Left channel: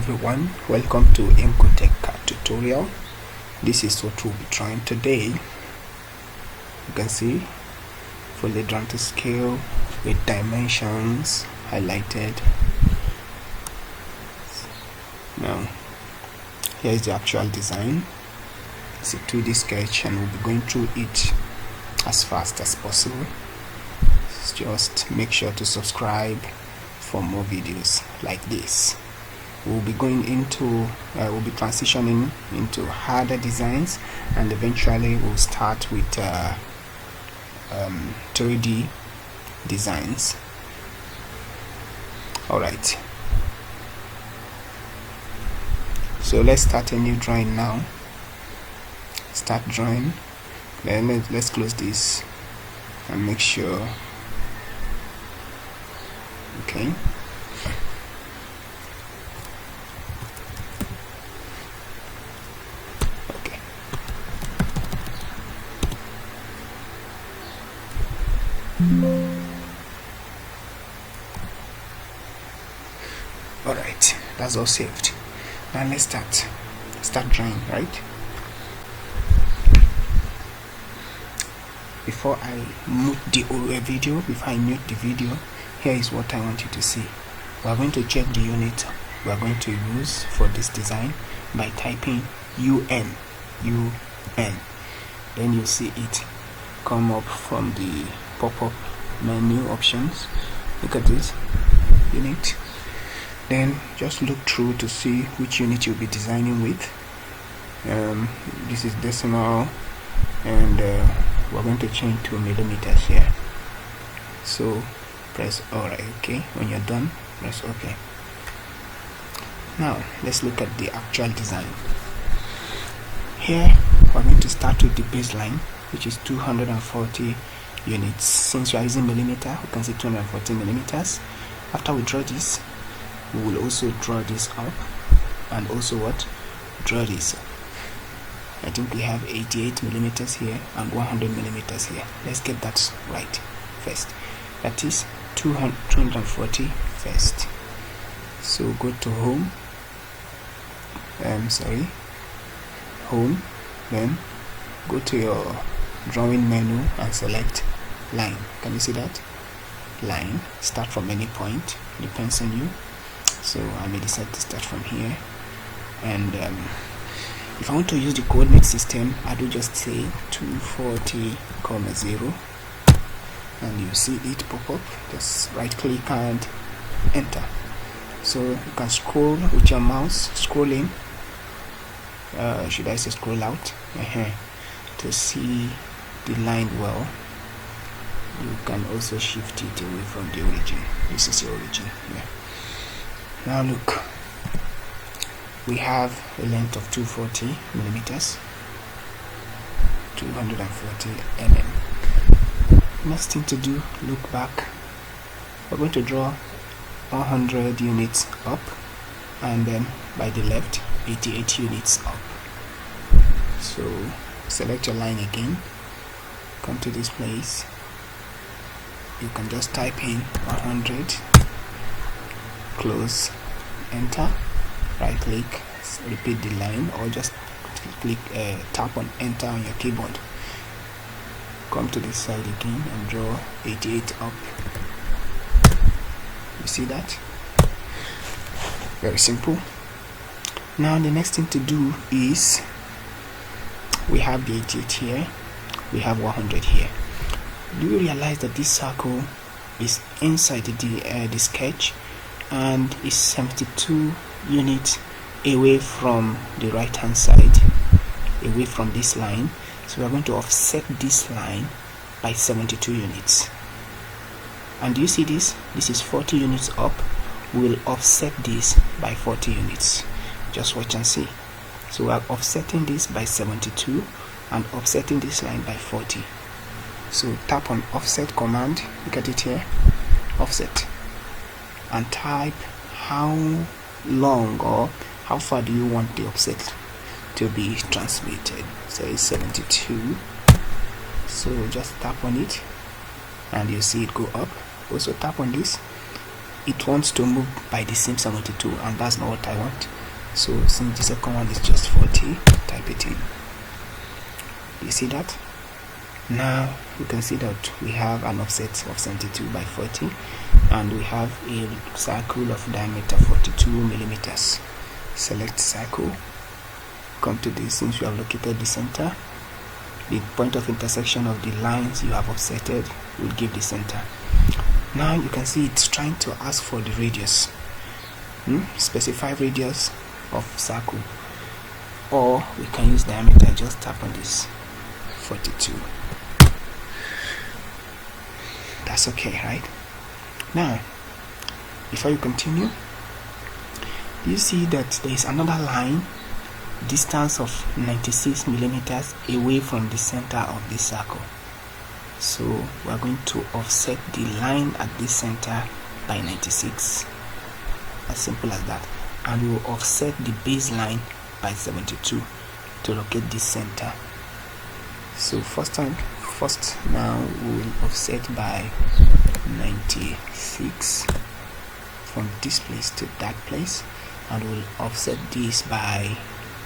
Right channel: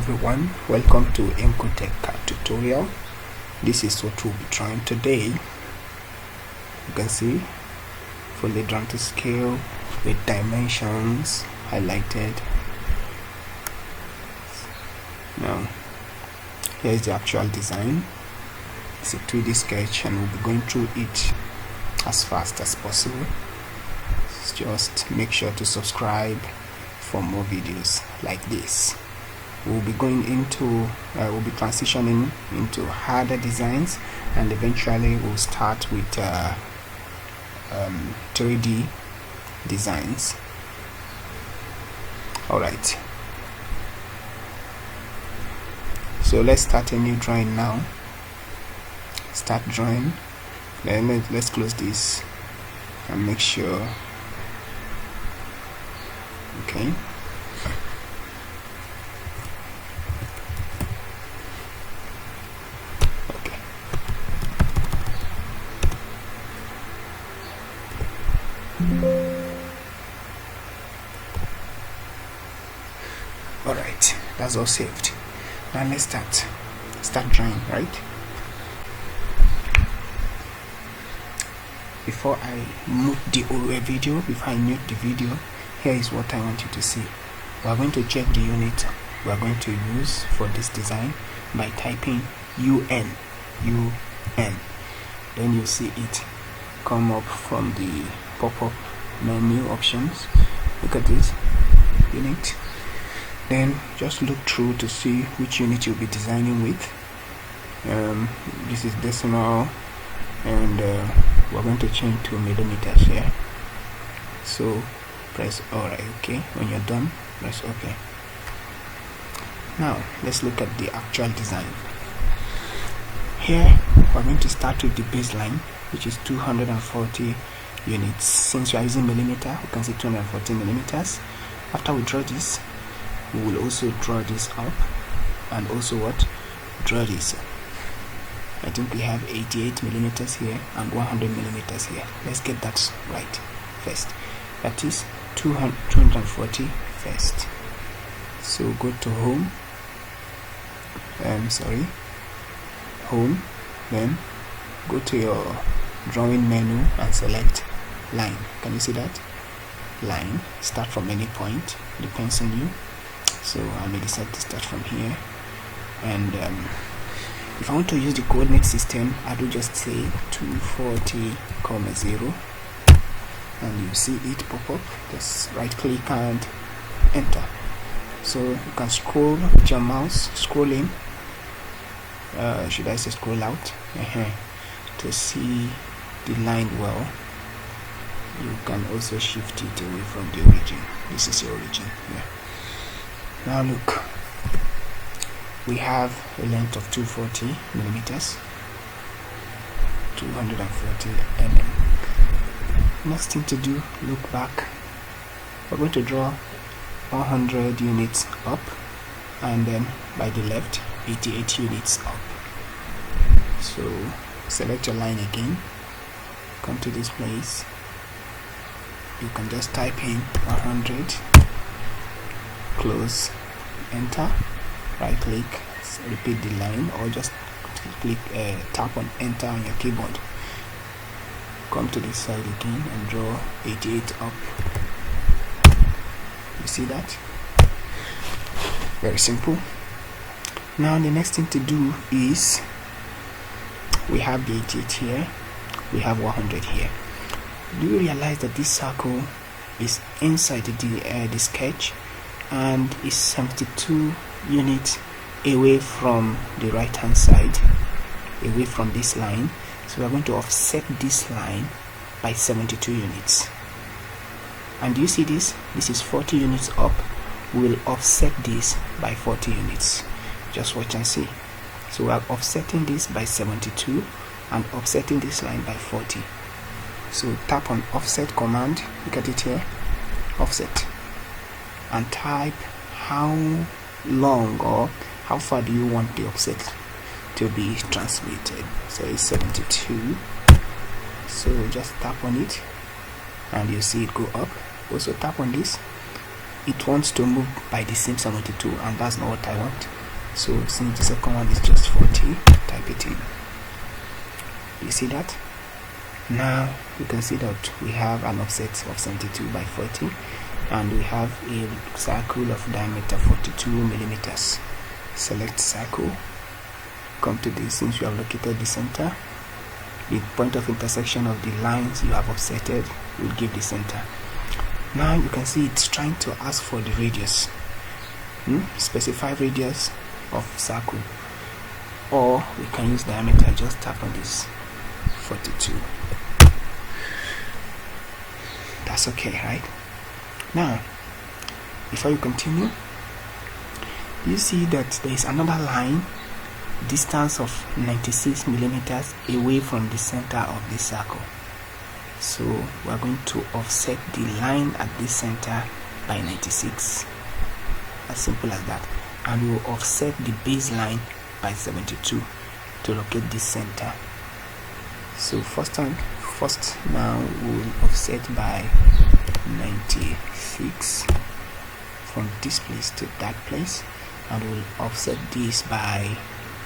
everyone, welcome to AutoCAD tutorial. This is what we'll be trying today. You can see fully drawn to scale with dimensions highlighted. Now here is the actual design. It's a 2D sketch and we'll be going through it as fast as possible. Just make sure to subscribe for more videos like this. We'll be going into we'll be transitioning into harder designs, and eventually we'll start with 3D designs. Alright, so let's start a new drawing now. Start drawing. Then let's close this and make sure. Okay, alright, that's all saved. Now let's start drawing. Right, before I mute the video, here is what I want you to see. We are going to check the unit we are going to use for this design by typing UN. Then you see it come up from the pop-up menu options. Look at this unit. Then just look through to see which unit you'll be designing with. This is decimal, and we're going to change to millimeters here. So press alright. Okay, when you're done, press OK. Now let's look at the actual design. Here we're going to start with the baseline, which is 240 units. Since we are using millimeter, we can say 240 millimeters. After we draw this, we will also draw this up, and also draw this. I think we have 88 millimeters here and 100 millimeters here. Let's get that right first. That is 240 first. So go to home, home, then go to your drawing menu and select line. Can you see that? Line. Start from any point, depends on you. So I may decide to start from here, and if I want to use the coordinate system, I do just say 240, 0, and you see it pop up. Just right click and enter. So you can scroll with your mouse, scroll in, should I say scroll out, to see the line well. You can also shift it away from the origin. This is the origin here. Now look, we have a length of 240 millimeters, 240 mm. Next thing to do, look back. We're going to draw 100 units up, and then by the left 88 units up. So select your line again, come to this place. You can just type in 100, close, enter, right click, repeat the line, or just click tap on enter on your keyboard. Come to this side again and draw 88 up. You see that? Very simple. Now the next thing to do is, we have the 88 here, we have 100 here. Do you realize that this circle is inside the sketch and is 72 units away from the right hand side, away from this line? So we are going to offset this line by 72 units. And do you see this? This is 40 units up. We will offset this by 40 units. Just watch and see. So we are offsetting this by 72 and offsetting this line by 40. So tap on offset command, look at it here, offset, and type how long or how far do you want the offset to be transmitted. Say 72. So just tap on it and you see it go up. Also tap on this. it wants to move by the same 72, and that's not what I want. So since the second one is just 40, type it in. You see that? Now you can see that we have an offset of 72 by 40, and we have a circle of diameter 42 millimeters. Select circle, come to this. Since you have located the center, the point of intersection of the lines you have offsetted will give the center. Now you can see it's trying to ask for the radius. Specify radius of circle, or we can use diameter. Just tap on this 42. That's okay, right? Now before you continue, you see that there is another line, distance of 96 millimeters away from the center of this circle. So we are going to offset the line at this center by 96, as simple as that, and we will offset the baseline by 72 to locate this center. So first now we will offset by 96 from this place to that place, and we'll offset this by,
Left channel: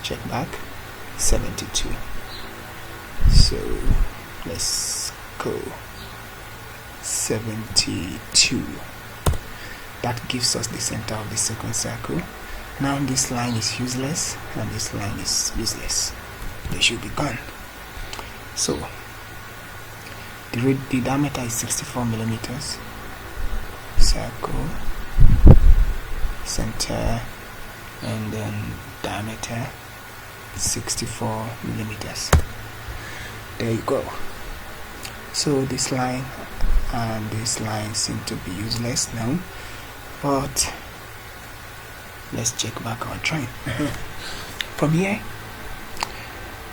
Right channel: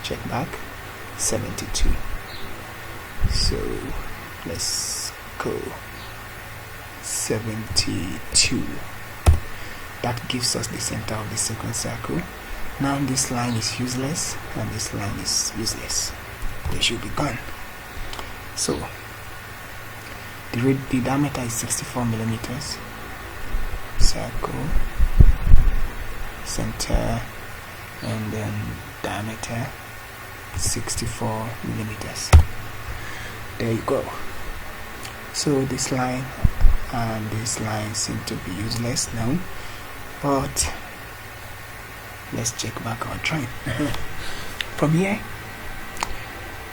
check back, 72. So let's go 72. That gives us the center of the second circle. Now this line is useless and this line is useless. They should be gone. So the diameter is 64 millimeters. Circle, center, and then diameter 64 millimeters. There you go. So this line and this line seem to be useless now, but let's check back our train. From here,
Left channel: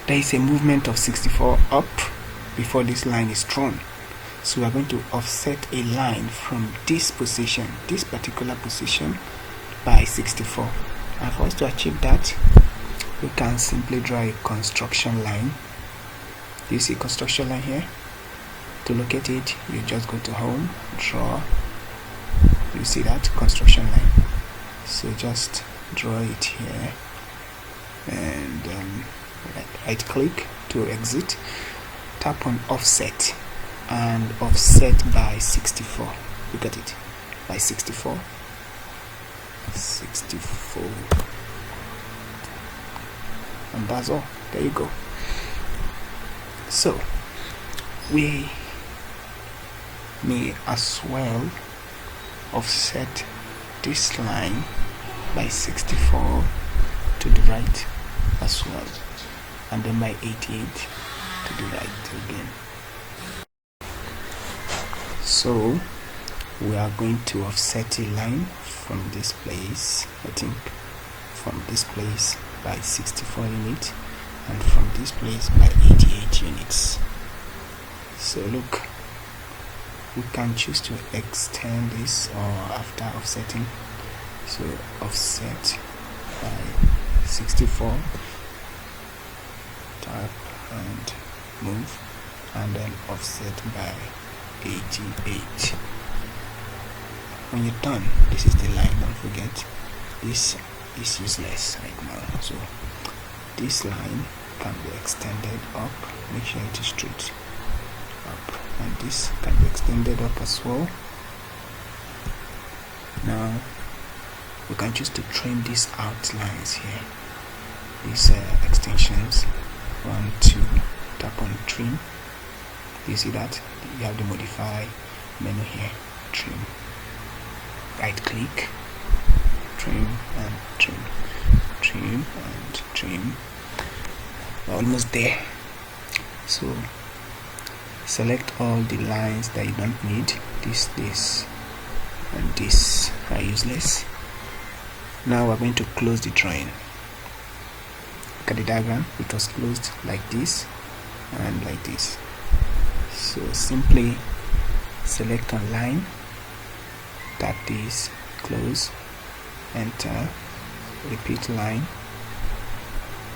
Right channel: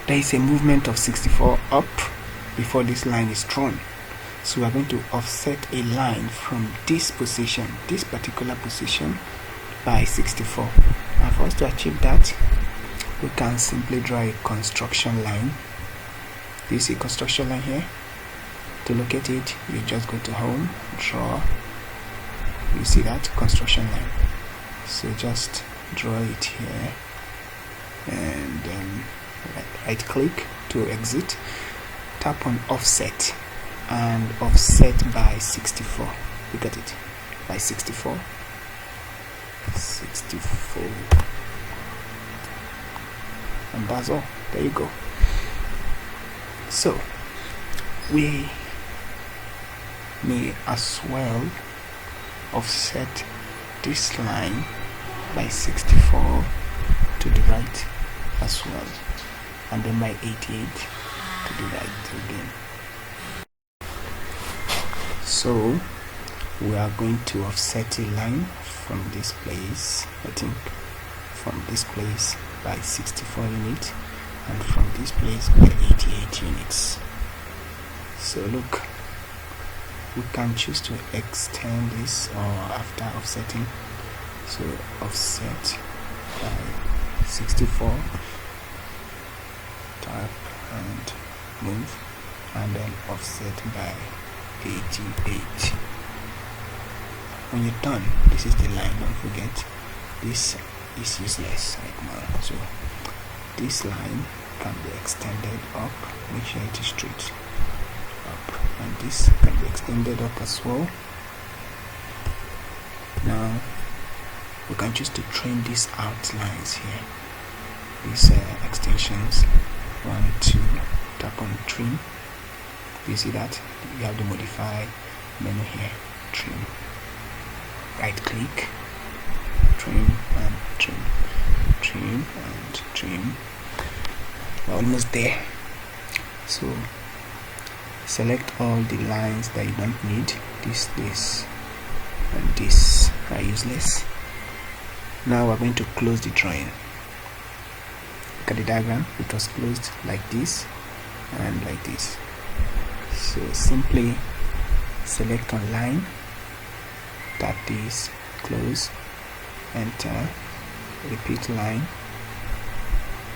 there is a movement of 64 up before this line is drawn. So we are going to offset a line from this position, this particular position, by 64. And for us to achieve that, we can simply draw a construction line. Do you see construction line here? To locate it, you just go to home, draw. You see that construction line. So just draw it here, and right click to exit. Tap on offset and offset by 64. Look at it, by 64. And that's all. There you go. So we may as well offset this line by 64 to the right as well, and then by 88 to the right again. So we are going to offset a line from this place, I think from this place by 64 units, and from this place by 88 units. So look, we can choose to extend this or after offsetting. So offset by 64, tap and move, and then offset by 88. When you're done, this is the line. Don't forget, this is useless right now. So this line can be extended up. Make sure it is straight up, and this can be extended up as well. Now we can choose to trim these outlines here, these extensions. 1, 2, tap on trim. You see that you have the modify menu here, trim. Right click, trim and trim, trim and trim. We're almost there. So select all the lines that you don't need. This and this are useless. Now we're going to close the drawing. Look at the diagram. It was closed like this and like this. So simply select on line, tap this, close, enter, repeat line,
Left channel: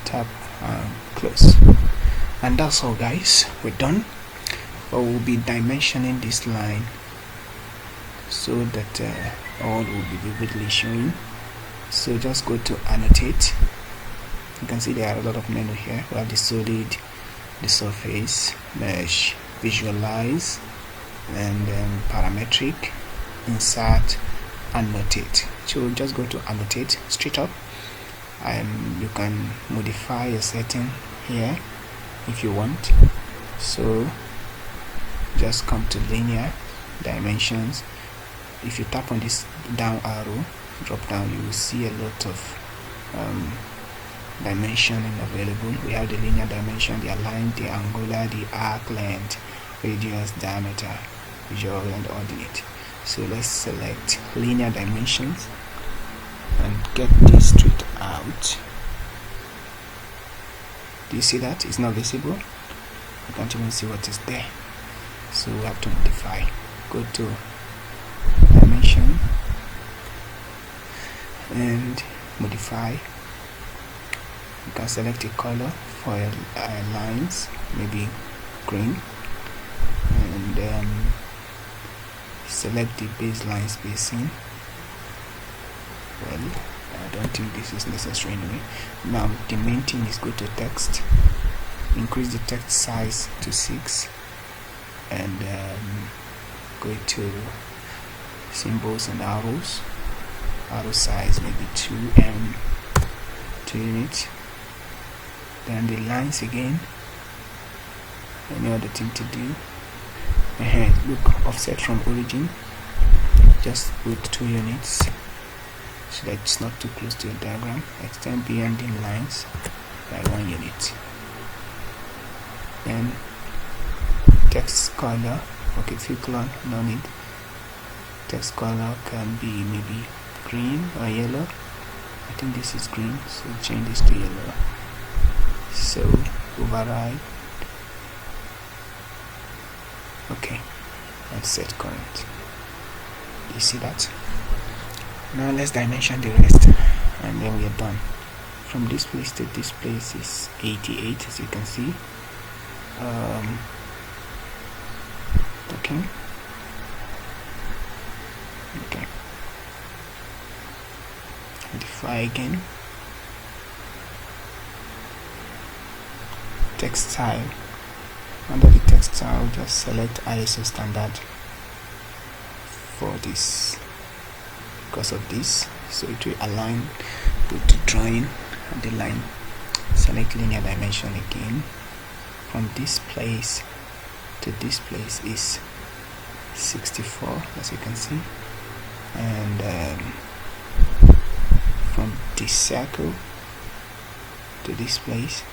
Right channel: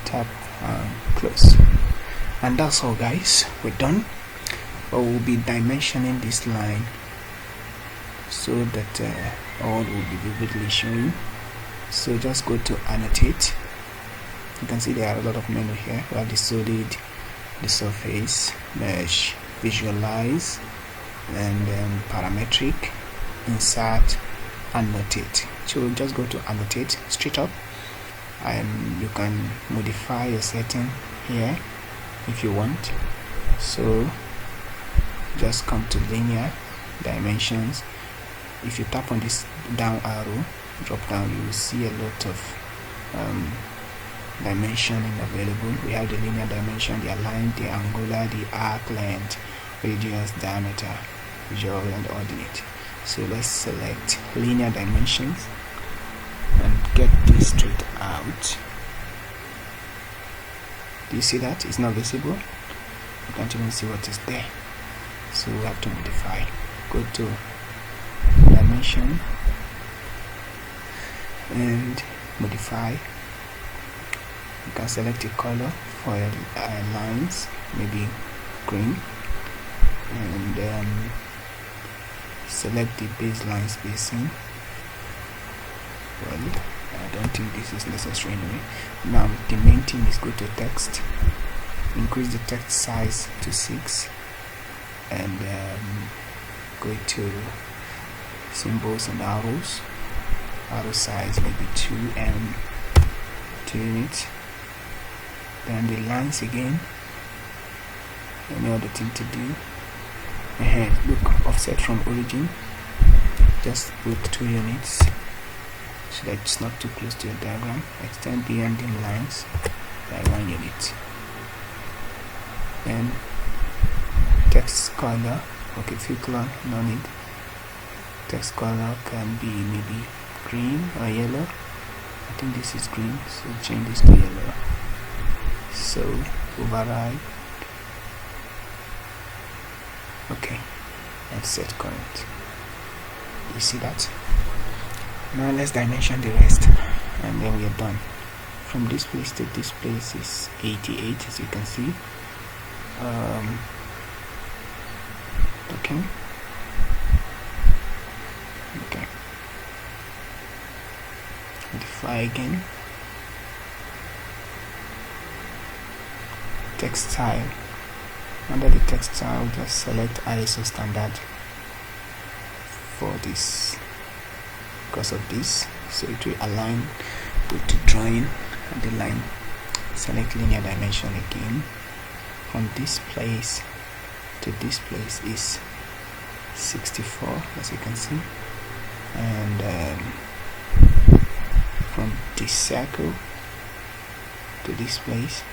tap and close. And that's all, guys. We're done. But we'll be dimensioning this line so that all will be vividly showing. So just go to annotate. You can see there are a lot of menu here. We have the solid, the surface, mesh, visualize, and parametric, insert, annotate. So just go to annotate straight up. You can modify a setting here if you want. So just come to linear dimensions. If you tap on this down arrow, drop down, you will see a lot of dimensioning available. We have the linear dimension, the align, the angular, the arc length, radius, diameter, visual, and ordinate. So let's select linear dimensions and get this straight out. Do you see that? It's not visible. You can't even see what is there. So we have to modify. Go to dimension and modify. You can select a color for lines, maybe green, and select the baseline spacing. Well, I don't think this is necessary anyway. Now the main thing is go to text, increase the text size to 6, and go to symbols and arrows. Arrow size maybe 2 units. Then the lines again. Any other thing to do? Look, offset from origin. Just put 2 units so that it's not too close to your diagram. Extend the ending lines by 1 unit. Then text color. Okay, fill color, no need. Text color can be maybe green or yellow. I think this is green, so change this to yellow. So override. Okay, and set current. You see that? Now let's dimension the rest, and then we are done. From this place to this place is 88, as you can see. Okay. Modify again. Text style. Under the text style, just select ISO standard for this, because of this, so it will align with the drawing and the line. Select linear dimension again. From this place to this place is 64, as you can see, and from this circle to this place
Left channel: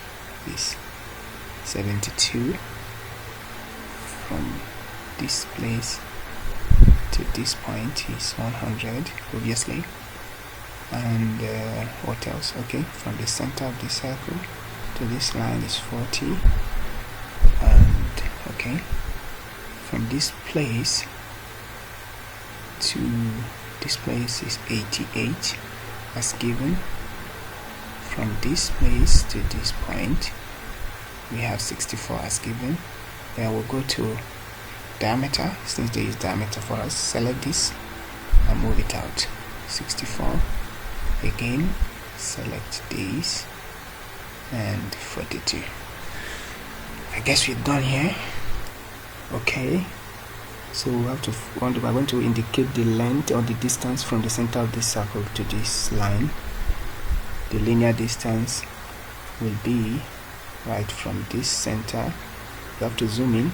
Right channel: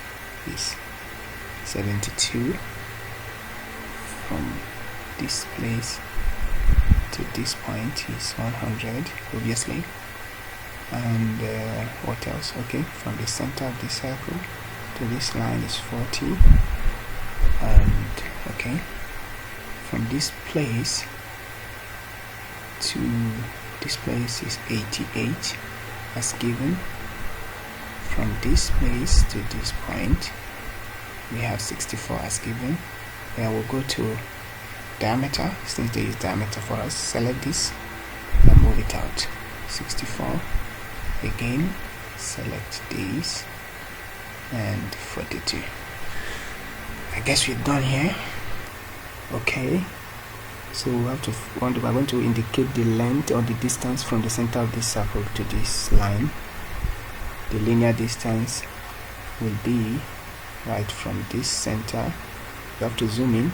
is 72. From this place to this point is 100, obviously. And what else? Okay, from the center of the circle to this line is 40. And okay, from this place to this place is 88 as given. From this place to this point we have 64 as given. Then we'll go to diameter. Since they use diameter for us, select this and move it out. 64 again, select this, and 42. I guess we're done here. Okay, so we're going to indicate the length or the distance from the center of this circle to this line. The linear distance will be right from this center. You have to zoom in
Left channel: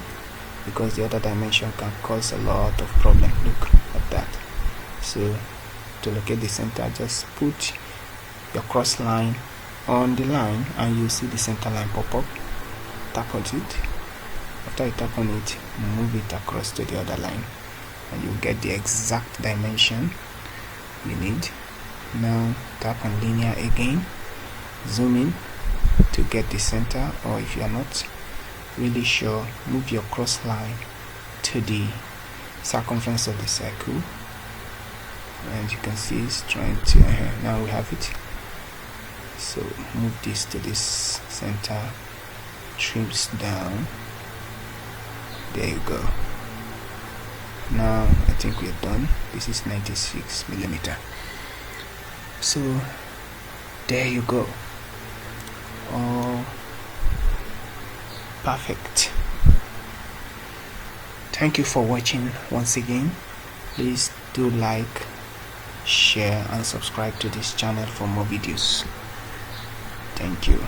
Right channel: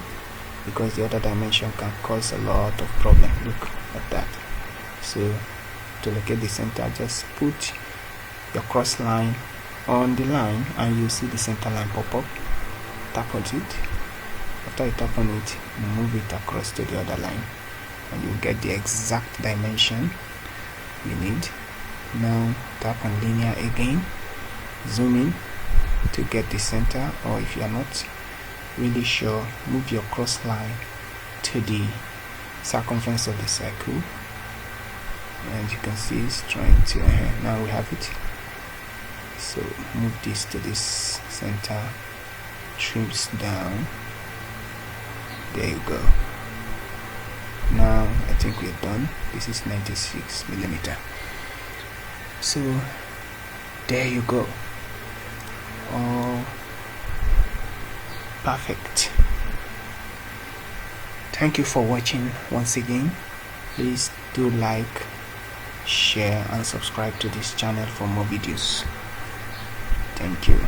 because the other dimension can cause a lot of problem. Look at that. So to locate the center, just put your cross line on the line and you see the center line pop up. Tap on it. After you tap on it, move it across to the other line and you get the exact dimension you need. Now tap on linear again, zoom in to get the center, or if you are not really sure, move your cross line to the circumference of the circle, and you can see it's trying to now we have it. So move this to this center, trims down, there you go. Now I think we're done. This is 96 millimeter. So there you go. All perfect. Thank you for watching once again. Please do like, share and subscribe to this channel for more videos. Thank you.